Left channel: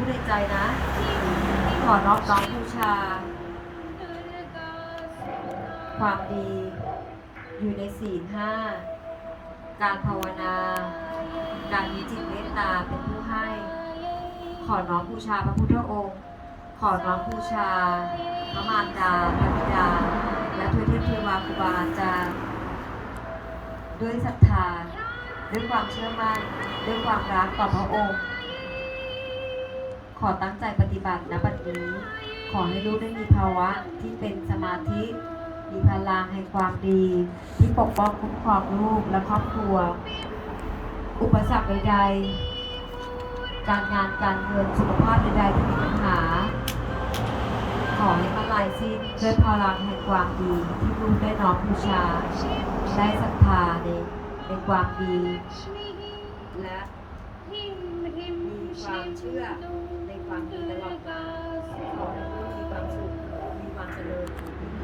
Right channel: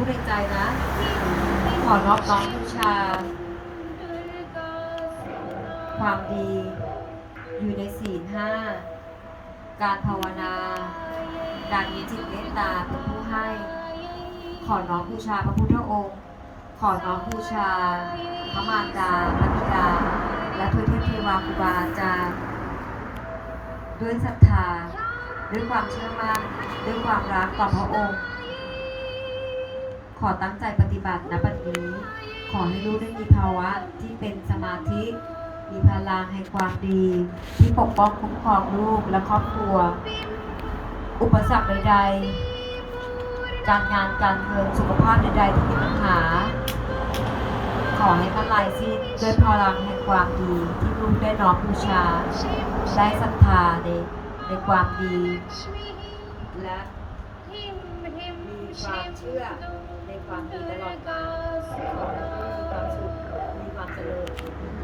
พูดในใจนะ ขอน้อมน้อมบูชา ความดี อยู่ในศีลห้า การภาวนา การมีจิตเมตตาเป็นผู้ให้ ขอน้อมบูชาพระพุทธองค์ ขอน้อมบูชา พระมารดาพระบิดา และทุกเทพเทวาครูบาอาจารย์ด้วยศรัทธา ด้วยความเชื่อมั่น ด้วยความรักต่อพระองค์ ขอตั้งใจปฏิบัติณบัดนี้ ขอให้ลูกได้มีภาวะที่เป็นสมาธิ มีพลังแห่งความดี ที่ปกป้องคุ้มครองลูกและครอบครัว อุปสรรคใดๆ การงานการเงินสุขภาพใดๆที่มีปัญหา ขอให้มันลายสิ้นด้วยพลังแห่งความดีที่ลูกได้น้อมบูชา ได้ศรัทธาในในความดีและ ความเชื่อในความดีตลอดกาลขอให้มีความสุข มีความเจริญ